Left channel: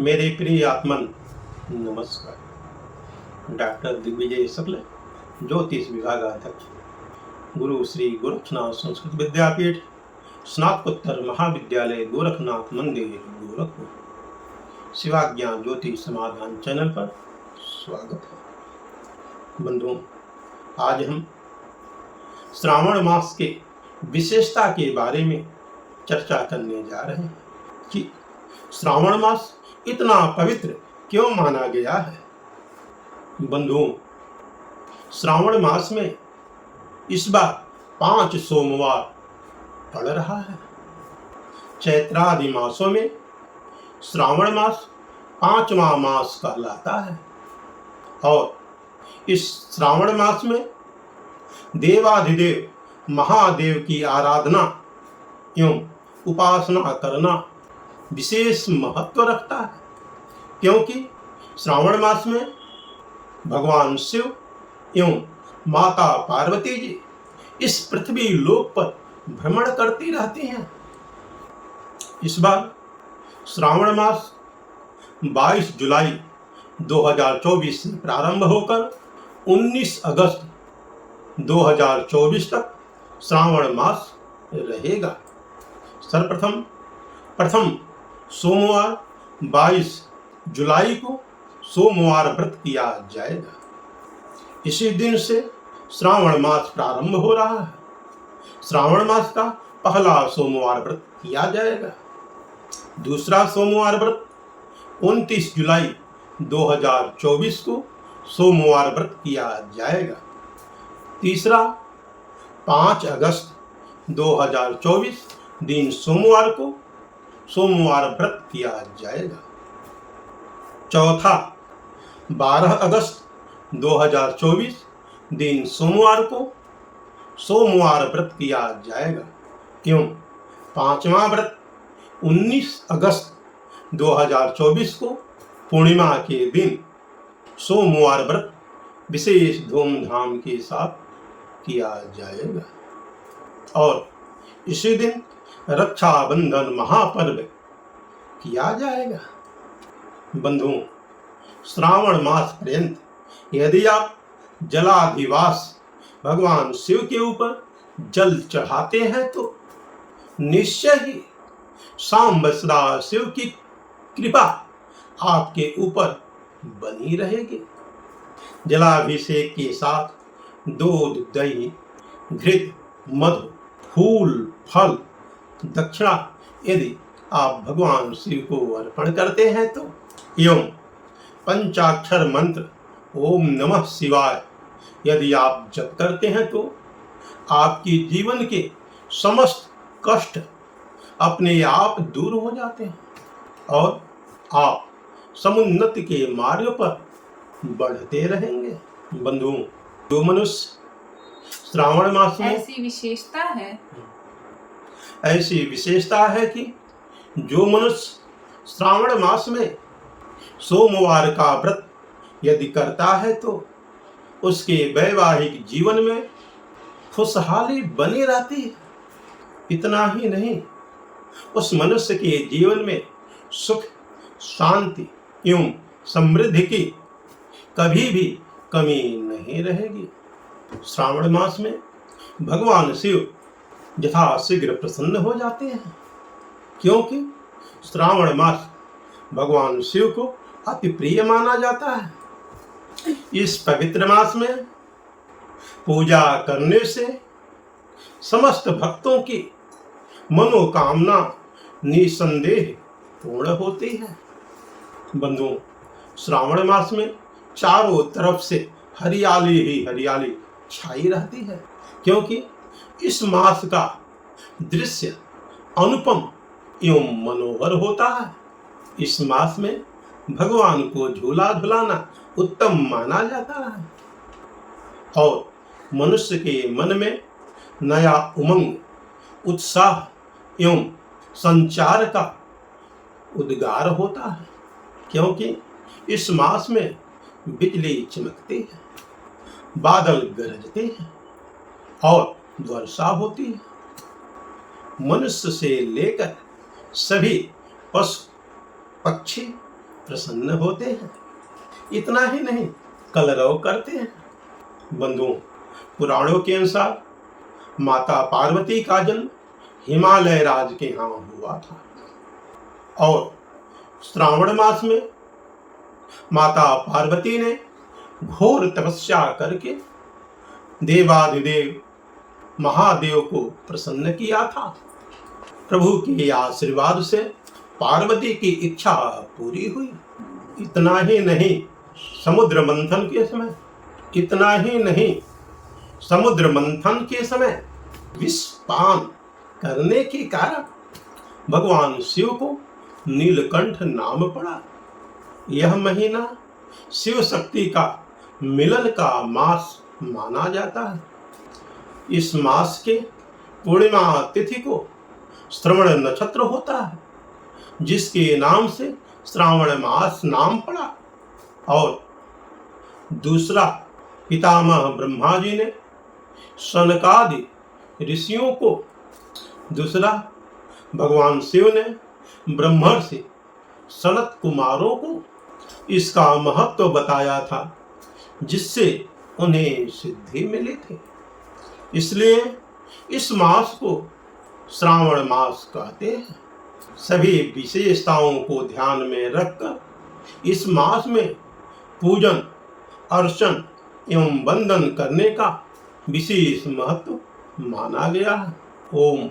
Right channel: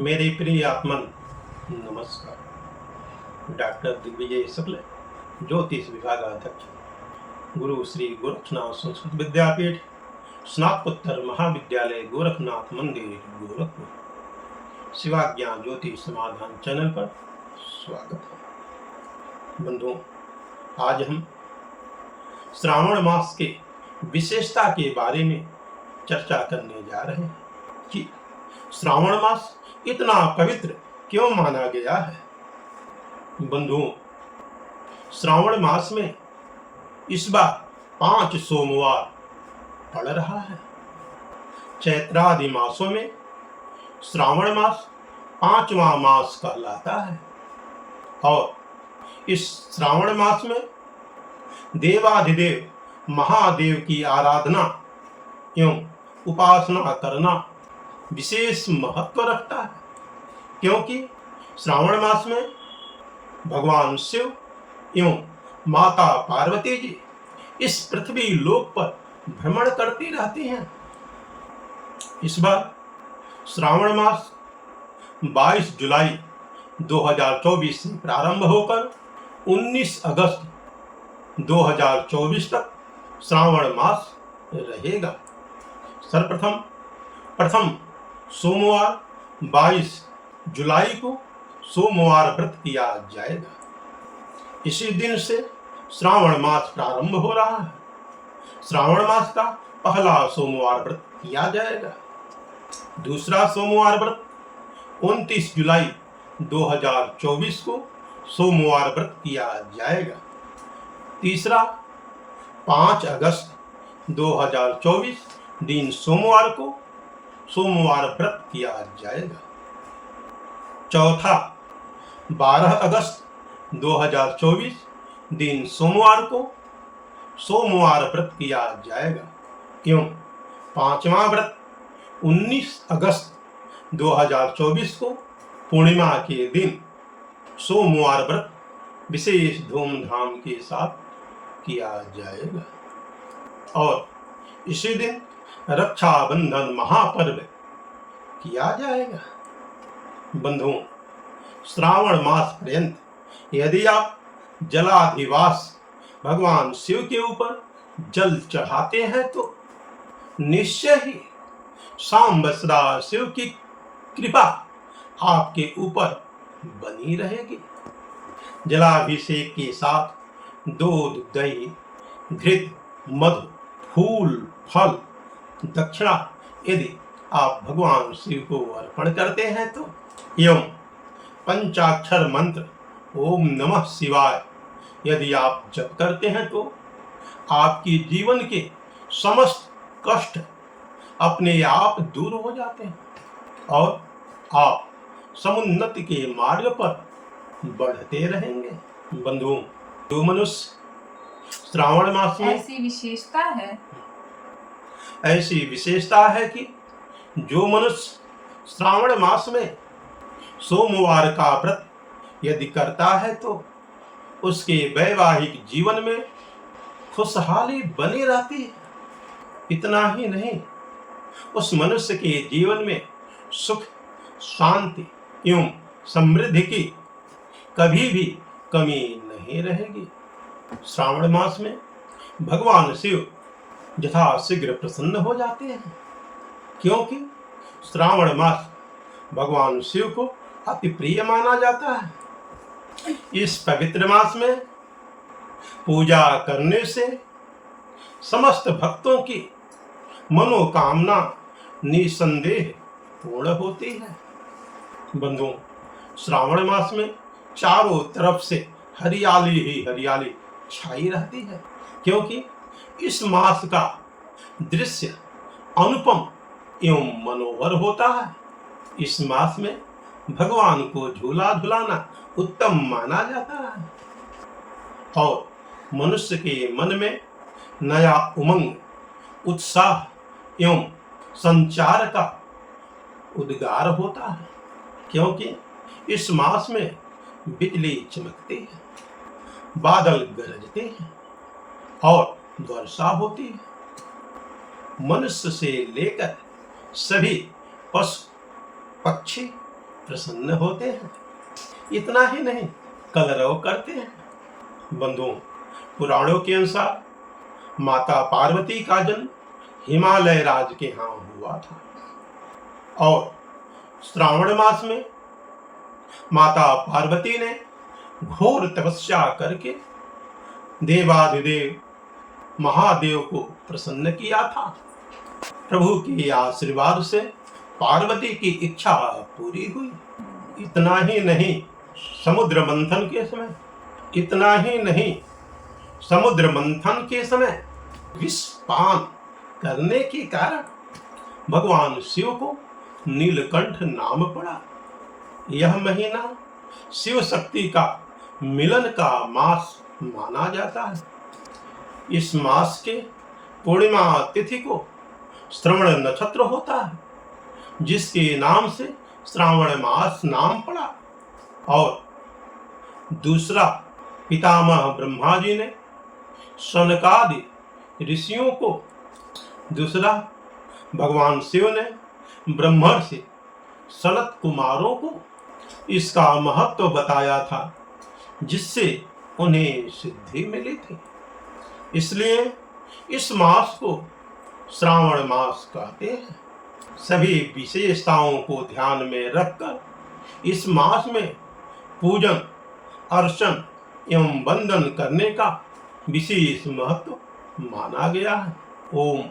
मेरे प्रिय आत्मन नमस्कार। डॉक्टर दिग्विजय शुक्ल, ज्योतिष विभागाध्यक्ष, गुरु श्री गोरखनाथ संस्कृत विद्यापीठ, स्नातकोत्तर महाविद्यालय गोरखनाथ मंदिर गोरखपुर। शिवाज्ञान ज्योतिष समाधान चैनल पर स्वागत है। बंधुओं, आज हम श्रावण मास के विशेषता के बारे में चर्चा करने जा रहे हैं कि श्रावण मास इतना पवित्र क्यों माना गया है। बंधुओं, श्रावण मास में इस बार 5 सोमवार पड़ रहा है। चैत्रादि मासों में श्रावण मास 5वां मास कहलाता है और इस श्रावण मास में देवाधिदेव महादेव की आराधना एवं उपासना करना विशेष महत्व रखता है, क्योंकि श्रावण मास में भगवान शिव एवं माता पार्वती जी इस पृथ्वी लोक पर भ्रमण करती रहती हैं। इस बार श्रावण मास 22 जुलाई 2024 से प्रारंभ होकर 19 अगस्त 2024 तक श्रावण मास रहेगा। सर्वप्रथम प्रथम सोमवार 22 जुलाई को सोमवार व्रत किया जाएगा। इसी दिन से श्रावण मास प्रारंभ हो रहा है। श्रावण मास का पहला सोमवार व्रत किया जाएगा। दूसरा सोमवार व्रत 29 जुलाई 2024 को सोमवार व्रत किया जाएगा। तीसरा 5 अगस्त 2024 दिन सोमवार को सोमवार व्रत किया जाएगा। चौथा 12 अगस्त 2024 दिन सोमवार को सोमवार व्रत किया जाएगा एवं 5वां व्रत 19 अगस्त 2024 को पूर्णिमा के दिन सोमवार व्रत विशेष धूमधाम के साथ किया जाएगा। और इसी दिन रक्षाबंधन महापर्व किया जाएगा। बंधुओं, श्रावण मास पर्यंत यदि आप जलाधिवास भगवान शिव के ऊपर जल चढ़ाते हैं तो निश्चय ही सांब सदा शिव की कृपा आपके ऊपर बनी रहेगी। जलाभिषेक के साथ दूध, दही, घृत, मधु, फूल, फल, दक्षिणा यदि आप भगवान शिव को अर्पण करते हैं तो एवं पंचाक्षर मंत्र ओम नमः शिवाय यदि आप जप करते हैं तो आपकी जीवन के समस्त कष्ट अपने आप दूर हो जाते हैं और आप समुन्नति के मार्ग पर बढ़ते रहेंगे। बंधुओं, जो मनुष्य श्रावण मास में ऐसी विशेषता है कि जो मनुष्य श्रावण मास में सोमवार का व्रत यदि करता है तो उसके वैवाहिक जीवन में खुशहाली बनी रहती है। इतना ही नहीं, उस मनुष्य के जीवन में सुख, शांति एवं समृद्धि की कभी भी कमी नहीं रहेगी। श्रावण मास में भगवान शिव यथाशीघ्र प्रसन्न हो जाते हैं, क्योंकि श्रावण मास भगवान शिव को अति प्रिय माना जाता है। इस पवित्र मास में पूजा करने से समस्त भक्तों की मनोकामना निसंदेह पूर्ण होती है। बंधुओं, श्रावण मास में चारों तरफ से हरियाली ही हरियाली छाई रहती है, क्योंकि इस मास का दृश्य अनुपम एवं मनोहर होता है। इस मास में भगवान को झूला झुलाना उत्तम माना जाता है और मनुष्य के मन में नया उमंग, उत्साह एवं संचार का उद्गार होता है, क्योंकि इस मास में बिजली चमकती है, बादल गरजते हैं और वर्षा होती है। मनुष्य से लेकर सभी पशु, पक्षी प्रसन्न होते हैं। इतना ही नहीं, कलरव करते हैं। बंधुओं, पुराणों के अनुसार माता पार्वती का जन्म हिमालय राज के यहाँ हुआ था और श्रावण मास में माता पार्वती ने घोर तपस्या करके देवाधिदेव महादेव को प्रसन्न किया था। प्रभु के आशीर्वाद से पार्वती की इच्छा पूरी हुई। इतना ही नहीं, समुद्र मंथन के समय विष पान करने के कारण भगवान शिव को नीलकंठ नाम पड़ा। यह महीना शिव शक्ति का मिलन का मास माना जाता है। इस मास के पूर्णिमा तिथि को श्रवण नक्षत्र होता है, जिसके नाम से श्रावण मास नाम पड़ा। और दूसरा, पितामह ब्रह्मा जी ने सनकादि ऋषियों को, दूसरा भगवान शिव ने ब्रह्मर्षि सनत कुमारों को इसका महत्व बताया था, जिससे उन्हें सिद्धि मिली थी। इसलिए इस मास को श्रावण मास कहते हैं। सभी विशेषताओं को ध्यान में रखकर इस मास में पूजन, अर्चन एवं वंदन करने का विशेष महत्व माना गया है। ओम